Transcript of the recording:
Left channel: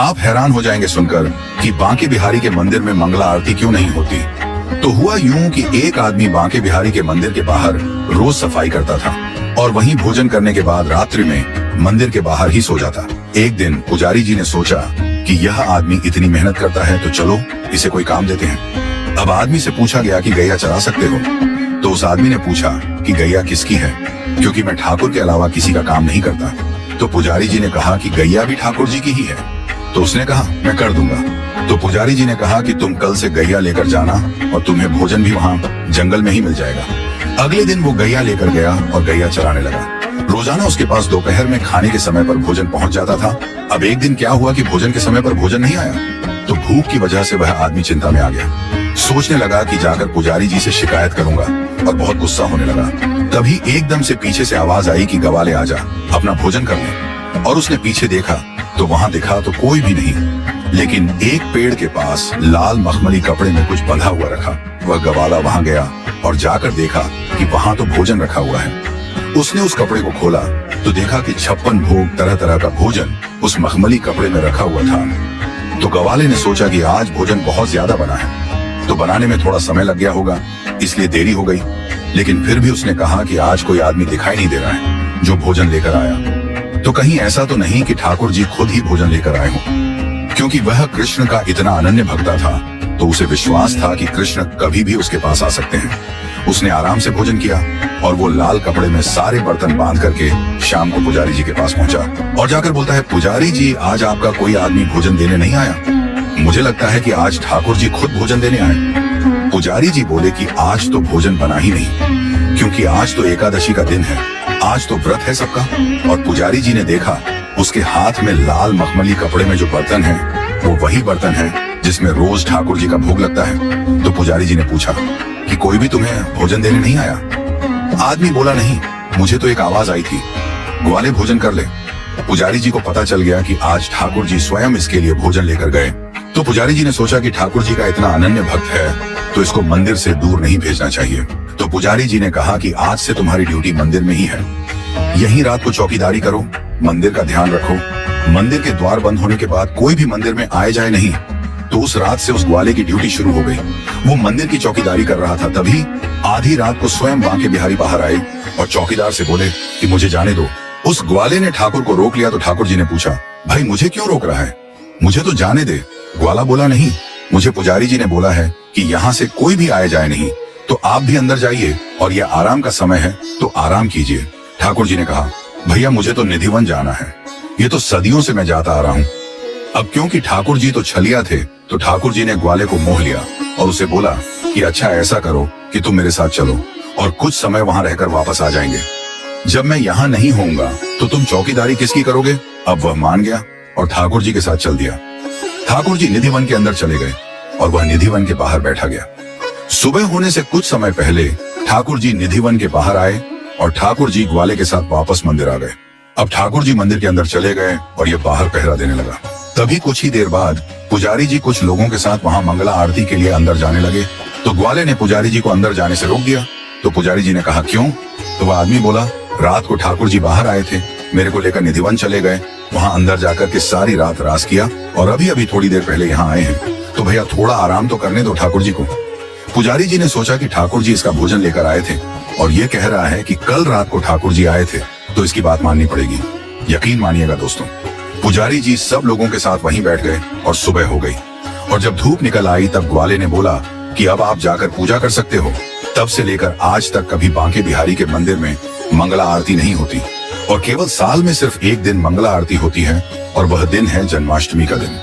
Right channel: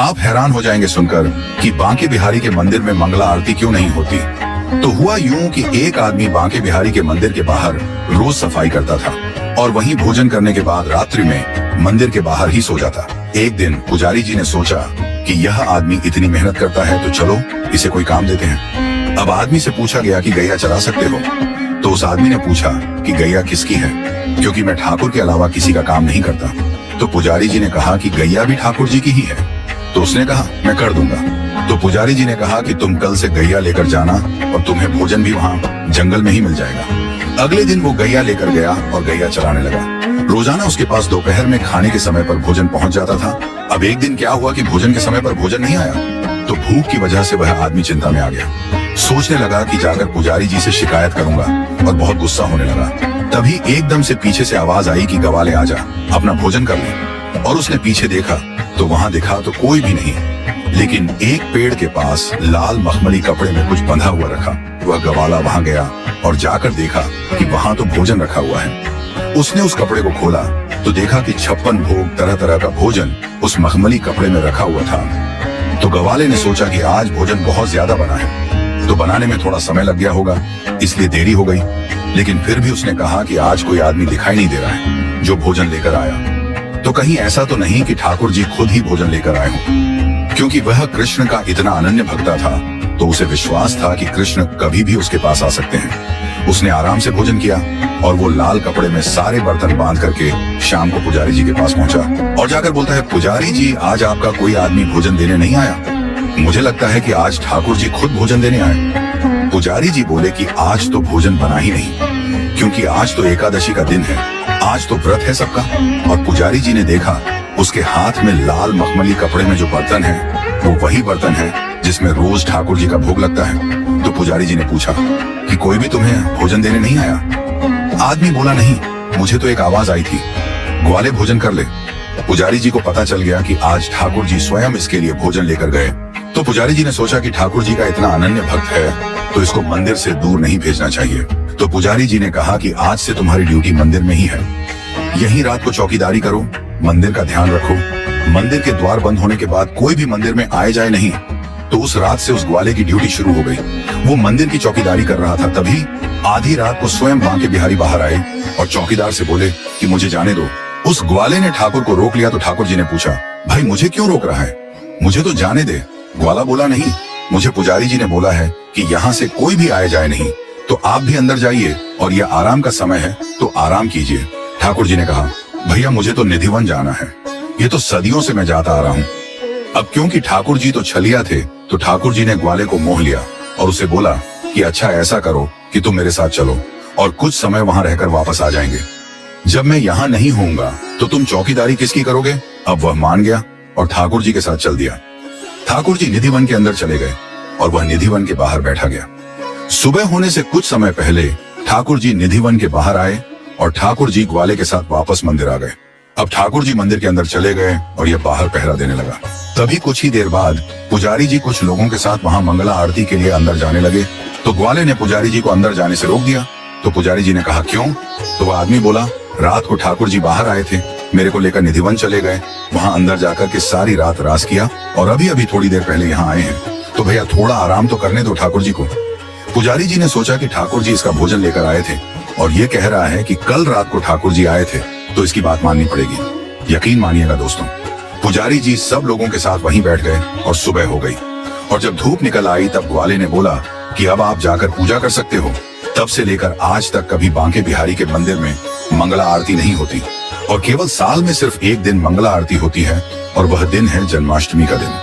आप हैरान हो जाएंगे सुनकर कि बांके बिहारी के मंदिर में मंगला आरती क्यों नहीं होती। तो हुआ यूं कि एक आदमी बांके बिहारी के मंदिर के बाहर रोज सफाई करता था और वहीं भोजन करने के बाद रात्रि में मंदिर के बाहर ही सो जाता। एक दिन पुजारी जी ने सोचा कि यह आदमी इतनी मेहनत करता है तो चलो इसे कोई काम देते हैं। अब आदमी से पूछा गया कि गैया चरा सकते हो? तो उस आदमी ने पूछा कि गैया किसकी है, क्योंकि मैं ठाकुर के अलावा किसी का काम नहीं करता। तो पुजारी जी ने कहा कि गैया भी ठाकुर जी की ही है। तो उसने कहा मैं कर दूंगा। तो पुजारी जी ने कहा कि तुम कल से गैया लेकर जाना और तुम्हें भोजन भी वहाँ जंगल में ही मिल जाएगा। अगले दिन वो गैया लेकर गया और गैया चराने लगा। रोजाना उसके पास दोपहर में खाने के समय पर भोजन पहुंच जाता था। अब एक दिन क्या हुआ कि भोजन के समय पर भोजन नहीं आया, तो भूख की वजह से वह आदमी चिंता में आ गया। सोचने लगा कि जाकर पुजारी जी से शिकायत करूंगा और बहुत गुस्सा होने लगा। तभी एकदम से पीछे से आवाज आई कि गवाले आजा, अपना भोजन कर ले। और उसने पीछे देखा तो वहां दिखा तो कोई भी नहीं, लेकिन एक पेड़ के पास लाल मखमली कपड़े में कुछ बंधा हुआ रखा। वह गवाला वहां गया और जाकर देखा कि वहां तो भोजन रखा हुआ है। उसने उस कपड़े को खोला तो देखा कि 56 भोग तरह तरह का भोजन उस मखमली कपड़े में रखा हुआ था। तो गवाले ने सोचा कि आज भोजन बहुत ज्यादा बना है, तो बनाने में थोड़ा समय लग गया होगा, इसलिए देरी हो गई। लेकिन फिर भी उसने कहा कि आज कोई आदमी दिखाई नहीं दे रहा है जो भोजन लेकर आया। तो कहीं ऐसा तो नहीं कि ठाकुर जी खुद ही भोजन लेकर आए हों, क्योंकि वह कृष्ण का इतना अनन्य भक्ता था तो उसे विश्वास था कि कृष्ण कभी भी उसके पास आ सकते हैं। उसने आराम से भोजन किया और वो लाल कपड़े में सारे बर्तन बांध करके शाम को पुजारी जी के पास पहुंचा और जाकर बोलता है, पुजारी जी आज आपका कोई आदमी भोजन देने नहीं आया। मुझे लगता है कि आज ठाकुर जी खुद भोजन देने आए। पुजारी जी बोले कि आज तो भोजन बना ही नहीं, क्योंकि आज तो एकादशी का दिन है, आज तो व्रत है सबका। और पुजारी जी ने देखा उसके हाथ में लाल मखमली कपड़े में जो बर्तन है वो वही बर्तन है जिसमें रोज ठाकुर जी का भोग लगता है। तो पुजारी जी ने पूछा कि कोई भी तुम्हें भोजन देने नहीं आया? आदमी बोला नहीं, मुझे तो एक आवाज आई थी, ग्वाले भोजन कर ले। पुजारी जी को पता चल गया कि आज ठाकुर जी स्वयं इसके लिए भोजन लेकर गए। तो पुजारी जी ने सोचा कि ठाकुर जी का इतना अनन्य भक्त है तो इसको मंदिर से दूर नहीं भेजना चाहिए। तो पुजारी जी ने कहा कि आज से तुम्हारी ड्यूटी मंदिर में ही है, यहीं रात को चौकीदारी करो, मंदिर का ध्यान रखो। मंदिर के द्वार बंद होने के बाद कोई भी मंदिर में आए जाए नहीं। तो उस रात से उस ग्वाले की ड्यूटी शुरू हो गई। वो मंदिर की चौकीदारी कर रहा था, तभी आधी रात को स्वयं बांके बिहारी बाहर आए और चौकीदार से बोले कि मुझे जाने दो। उस ग्वाले ने ठाकुर को रोक लिया तो ठाकुर जी ने पूछा, भाई मुझे क्यों रोक रहा है, मुझे तो जाने दे। ग्वाला बोला नहीं, मुझे पुजारी जी ने बोला है कि यहाँ से कोई भी आए जाए नहीं, तो आप भी अंदर जाइए और यह आराम का समय है तो आराम कीजिए। ठाकुर जी ने कहा, भैया मुझे तो निधिवन जाना है, ये तो सदियों से मैं जाता आ रहा हूँ। अब क्योंकि ठाकुर जी तो छलिया थे तो ठाकुर जी ने ग्वाले को मोह लिया और उसे बोला कि अच्छा ऐसा करो कि तुम मेरे साथ चलो और कुछ समय वहां रहकर वापस आ जाएंगे। जब मैं यहाँ नहीं होऊंगा तो तुम चौकीदारी किसकी करोगे? अब वह मान गया और ठाकुर जी के साथ चल दिया। ठाकुर जी निधिवन के अंदर चले गए और वह निधिवन के बाहर बैठा गया। सुबह होने से कुछ समय पहले ठाकुर जी निधिवन के बाहर आए और ठाकुर जी ग्वाले के साथ वापस मंदिर आ गए। अब ठाकुर जी मंदिर के अंदर चले गए और यह बाहर पहरा देने लगा। तभी कुछ ही देर बाद पुजारी जी कुछ लोगों के साथ वहां मंगला आरती के लिए अंदर जाने लगे। तो ग्वाले ने पुजारी जी को अंदर जाने से रोक दिया। तो पुजारी जी ने कहा क्यों? तो वह आदमी बोला, रात को ठाकुर जी बाहर आए थे, मेरे को लेकर निधिवन चले गए, वहां अंदर जाकर के सारी रात रास किया और अभी अभी थोड़ी देर पहले यहाँ आए हैं, तो भैया थोड़ा आराम तो करने दो ठाकुर जी को। पुजारी जी ने सोचा कि ठाकुर जी इसका भोजन लेकर आए थे और ये कह रहा है कि कल रात को ठाकुर जी आए थे, तो इसकी बात माननी पड़ेगी। यकीन मानिएगा दोस्तों, पुजारी जी सब लोगों के साथ वहीं बैठ गए और सुबह हो गई। और जब धूप निकल आई तब ग्वाले ने बोला कि अब आप जाकर पूजा कर सकते हो। तब से लेकर आज तक कभी बांके बिहारी के मंदिर में मंगला आरती नहीं होती और केवल साल में सिर्फ एक दिन मंगला आरती होती है और वह दिन है जन्माष्टमी का दिन।